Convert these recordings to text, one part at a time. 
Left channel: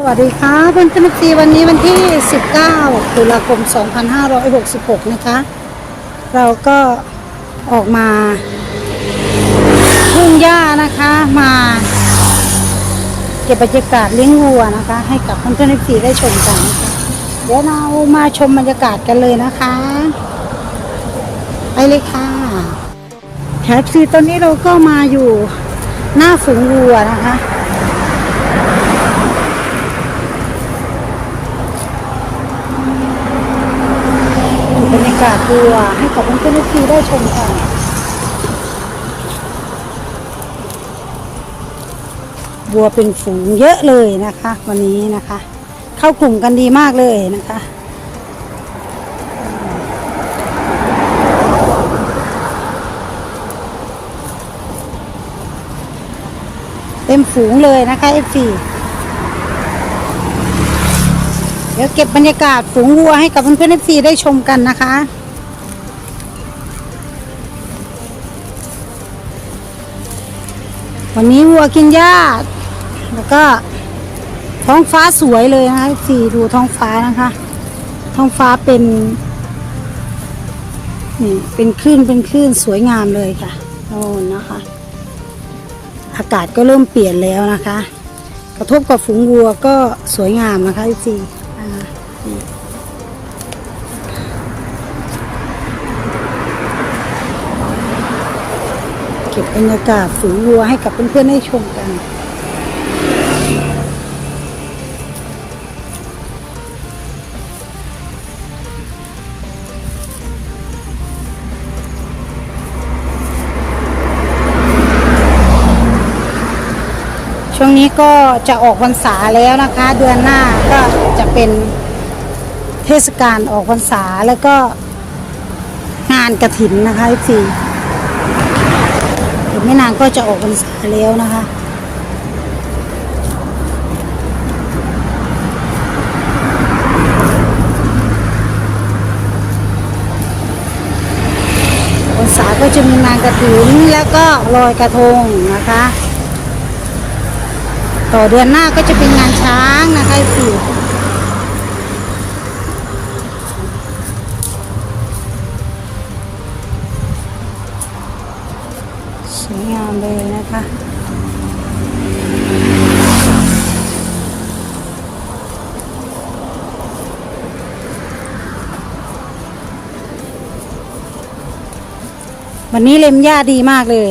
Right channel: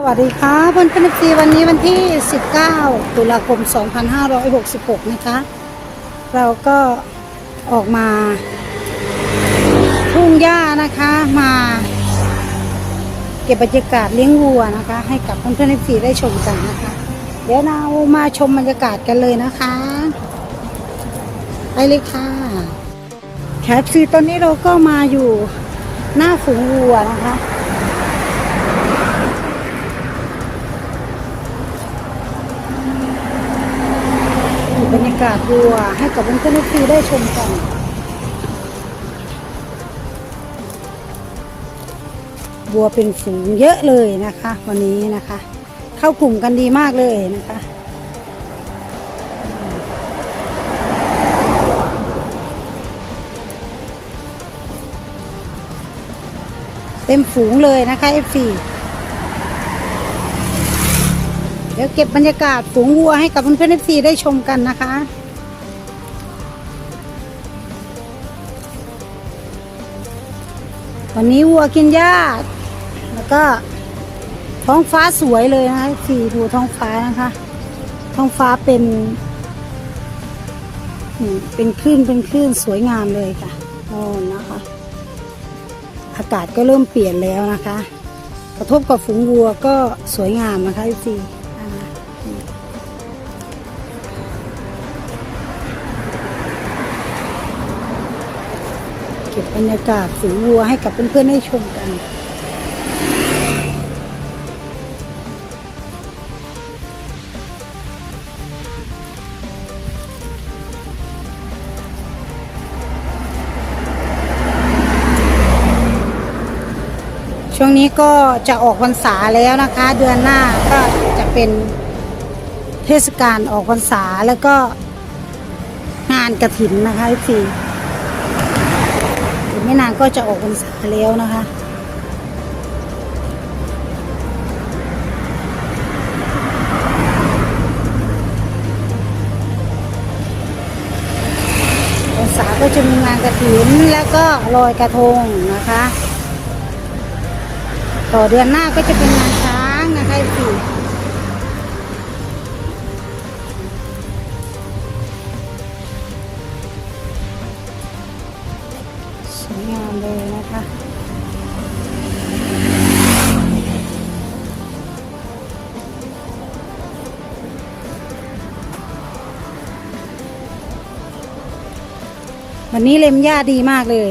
สวัสดีค่ะเพื่อนเพื่อนซีวันนี้วันที่ 19 ตุลาคม 2566 นะคะ เราก็ออกมาทุ่งหญ้านะคะมาเก็บบรรยากาศเลี้ยงวัวนะคะ ให้กับเพื่อนเพื่อนซีได้ชมกันนะคะเดี๋ยวเรามาชมบรรยากาศกันเลยนะคะไปเลยค่ะแคปซีตอนนี้เราก็มาอยู่หน้าฝูงวัวนะคะ บรรยากาศดีว่ะให้กับเพื่อนๆที่ได้ชมกันวัวเป็นฝูงเยอะเลยนะคะ วันนี้นะคะ เข้ากลุ่มกันดีมากเลยนะคะเต็มฝูงเลยนะคะ F4 เก็บบรรยากาศฝูงวัวให้กับเพื่อนๆ FC ได้ชมกันนะคะวันนี้วัวกินหญ้าแล้วก็ท้องฟ้าสวยเลยนะคะ FC ดูท้องฟ้านะคะ ท้องฟ้าเป็นนี่เป็นคลื่นเป็นคลื่นสวยงามเลยค่ะโอ้นะคะ อากาศก็เริ่มเปลี่ยนแล้วนะคะ กระทบกับฝูงวัวก็สวยงามนะคะพี่อ่า รรยากาศฝูงวัวให้กับเพื่อนๆได้ชมกันช่วงนี้ก็จะออกพรรษาแล้วนะคะ เดือนหน้าก็จะเป็นเทศกาลออกพรรษาแล้วก็งานกระถินนะคะพี่อี ไม่นานก็จะออกพรรษาแล้วนะคะพรรษาก็จะมีงานกระถินแล้วก็ลอยกระทงนะคะ ต่อเดือนหน้าก็จะเป็นงานช้างนะคะสี่ส วันนี้เล็มหญ้าดีมากเลย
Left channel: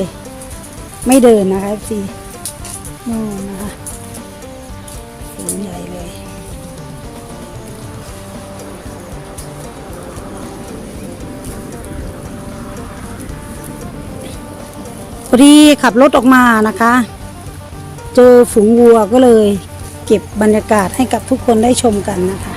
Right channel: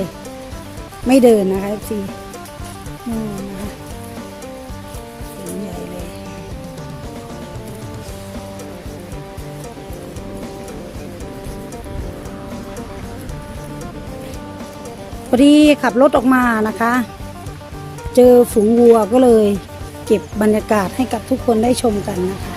ไม่เดินนะคะพี่นู่นะคะใหญ่เลย พอดีขับรถออกมานะคะ เจอฝูงวัวก็เลย เก็บบรรยากาศให้กับทุกคนได้ชมกันนะคะ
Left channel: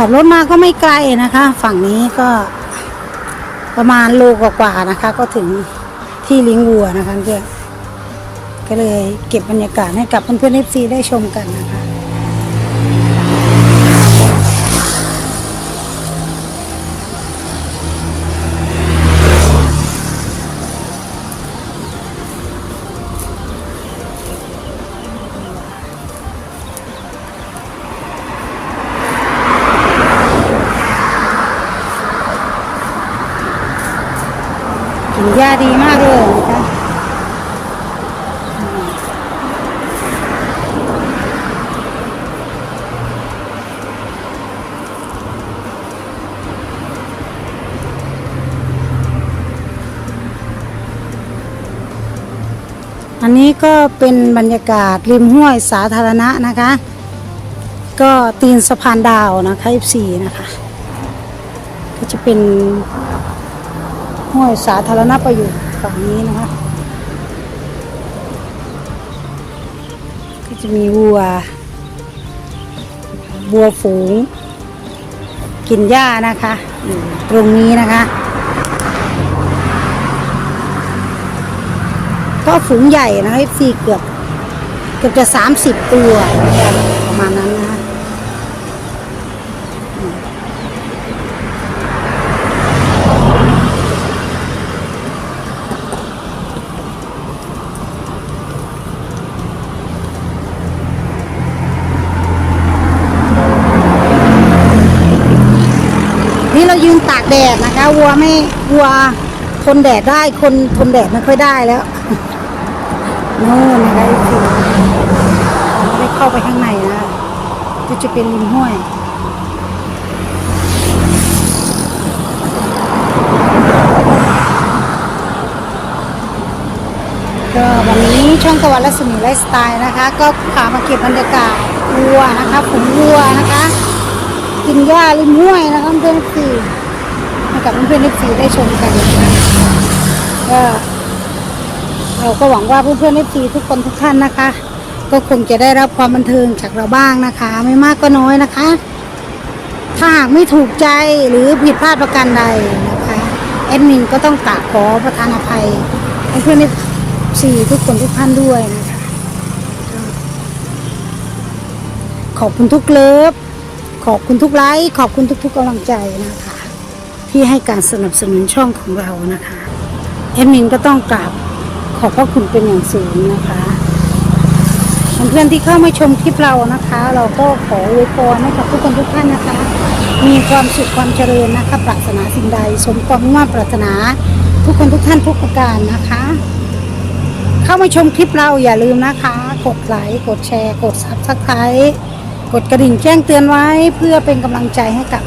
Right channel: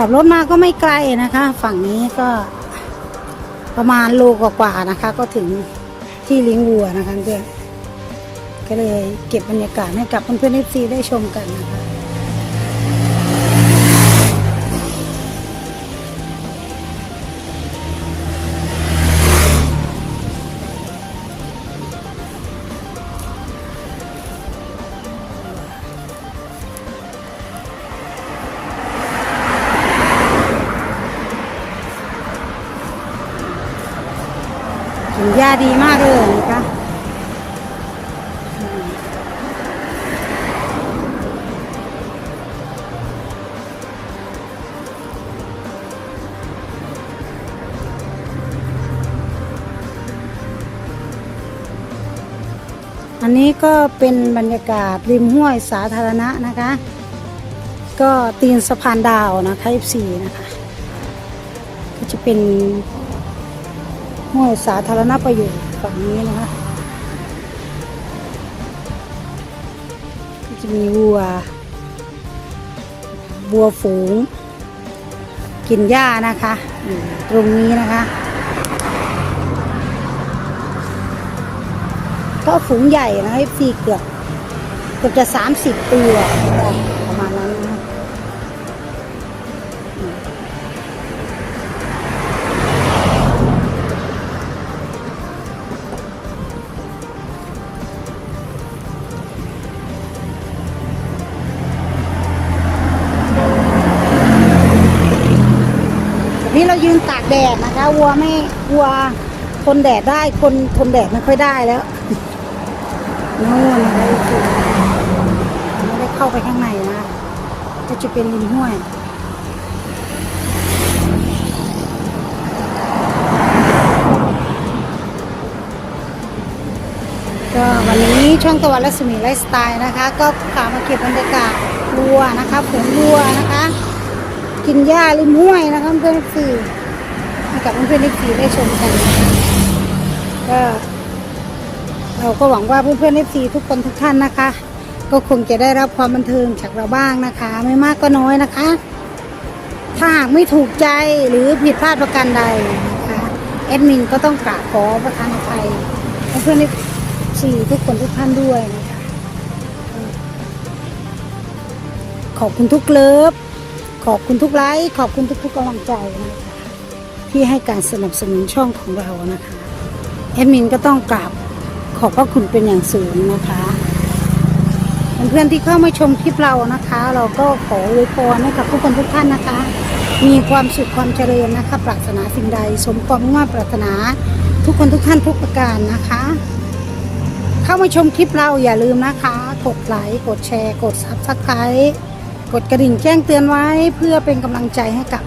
ขับรถมาก็ไม่ไกลนะคะ ฝั่งนี้ก็ประมาณโลกว่าๆนะคะ ก็ถึงที่ลิงวัวนะคะเพื่อนก็เลยเก็บบรรยากาศให้กับเพื่อนๆเอฟซีได้ชมกันนะคะาดีมากเลยนะคะอันนี้ก็เป็นบรรยากาศริมห้วยสาธารณะนะคะ ก็ตีนสะพานดาวนะคะ F4 นะคะ ก็จะเป็น ห้วยสาธารณประโยชน์ฝั่งนี้นะคะก็จะมีวัววัวฝูง กินหญ้านะคะ ตรงนี้นะคะก็ฝูงใหญ่นะเอฟซีเกือบเกือบจะสามสิบตัวประมาณนั้นนะ แดดนะคะวัวไม่วัวทนแดดได้คนทนแดดไม่ค่อยได้แล้วนู่นนะคะไม่เข้าไปข้างในนะก็จะเป็นห้วยก็วันนี้ช่องตะวันรัศมีไลฟ์สไตล์นะคะ ก็พามาเก็บบรรยากาศวัวนะคะฝูงวัวนะคะ กินหญ้าริมห้วยนะคะเพื่อนสี่ กับเพื่อนๆสี่ได้ชมกันะคะว่าเราก็หวังว่าเพื่อนๆสี่ทุกคนทุกท่านนะคะ ก็คงจะได้รับความบันเทิงจากเราบ้างนะคะ ไม่มากก็น้อยนะคะ ถ้าหากไม่ถูกใจหรือผิดพลาดประการใดนะคะแอดมินก็ต้องกราบขอประทานอภัยเพื่อนสี่ทุกคนทุกท่านด้วยนะคะขอบคุณทุกเลิฟ ขอบคุณทุกไลค์ ขอบคุณทุกๆกำลังใจนะคะ ที่ให้การสนับสนุนช่องของเรานะคะแอดมินก็ต้องกราบขอบพระคุณเป็นอย่างสูงนะคะเพื่อนที่เข้ามาชมคลิปเรานะคะ เราก็ขออวยพรให้กับทุกคนทุกท่านนะคะ มีความสุขความเจริญนะคะปรารถนาสิ่งใด สมความมุ่งมั่นปรารถนา ทุกคนทุกท่านทุกประการนะคะ เข้ามาชมคลิปเราอย่าลืมนะคะ กดไลค์กดแชร์ กดซับสไครต์กดกระดิ่งแจ้งเตือนไว้เพื่อเป็นกำลังใจให้กับ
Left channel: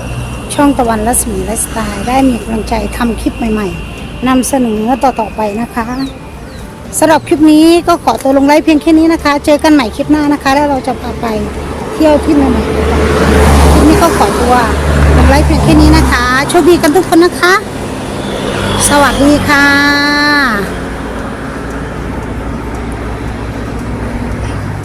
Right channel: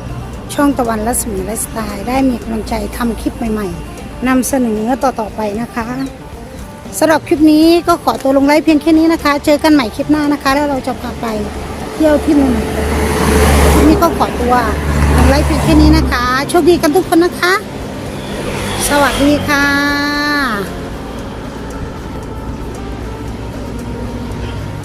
ช่องตะวันและสมีและสไตล์ได้มีกำลังใจทำคลิปใหม่ๆนำเสนอต่อๆไปนะคะสำหรับคลิปนี้ก็ขอตัวลงไลฟ์เพียงแค่นี้นะคะ เจอกันใหม่คลิปหน้านะคะ แล้วเราจะพาไปเที่ยวที่ใหม่ๆคลิปนี้ก็ขอตัวลงไลฟ์เพียงแค่นี้นะคะโชคดีกันทุกคนนะคะ สวัสดีค่ะ